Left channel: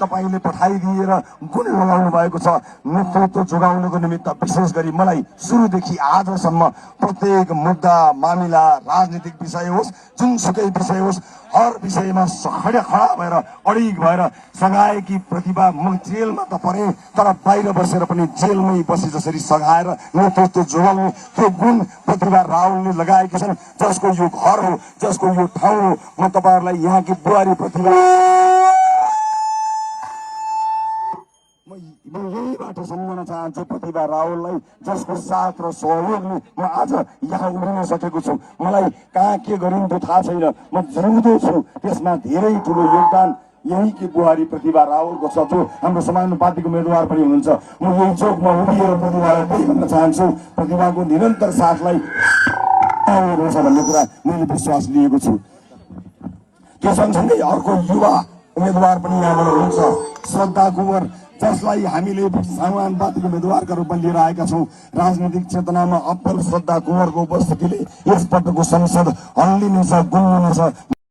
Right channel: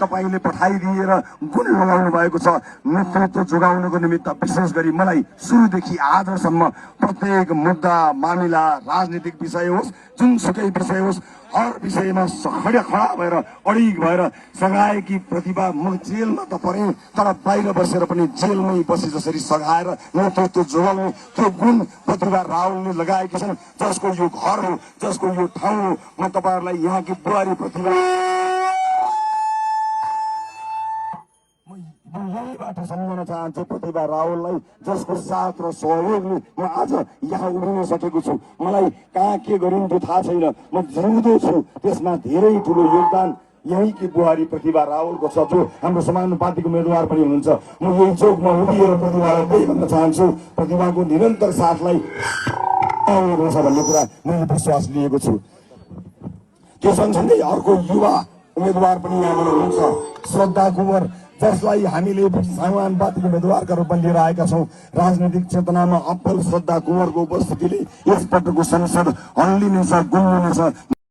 तपाईले पठाइदिएर गुण लगाउनु भएको छ। नेतृत्व जोगाउनको निमित्त विशेष गरी मलाई सुरुदेखि आजसम्म प्रत्येक मुद्दा मामिला राजनीतिक विषय होस् जुनसुकै विषय होस् हर विषयमा खडा भएर अडिग भएर सघाएकी प्रतिभा म जेलमा त परे तर बाहिर बसेर पनि जेलमै बसे जसरी सघाएर नेतृत्व जोगाउनु त्यो गुण प्रतिभा रावलले लगाएकी छन्। जसको यो घर हो जसको यो ठाउँ हो म तपाईहरुलाई यहाँकी बुहारी प्रतिभा म यहीबाट सम्झन चाहन्छु प्रतिभा रावललाई जसको साथ र सहयोगले म आज यहाँ उभिन सकेको छु। मलाई कहाँ के गरिन्थ्यो थाहा छैन म जिउँदो छु त्यसमा धेरै ठुलो योगदान यही कि बुहारी प्रतिभा रावलको छ जो हाम्रो समानुपातिक उम्मेदवार पनि हुनुहुन्छ। म यही चौकमा उभिएर प्रतिभालाई त्यही भन्न चाहन्छु प्रतिभाको निरन्तर साथलाई रहेछ भन्ने कुरा मैले विश्वास लिएको छु। त्यो सँगसँगै अर्को युवा उम्मेदवार पनि यहाँबाट हुनुहुन्छ श्रद्धा कुँवर जसलाई हामीले समानुपातिक उम्मेदवारका रूपमा लिएर आएका छौँ। राजनीतिक चेतनामा अब्बल श्रद्धा कुँवरको उपस्थितिले यसपटकको संसद हल्लिनेछ गुल्लिनेछ।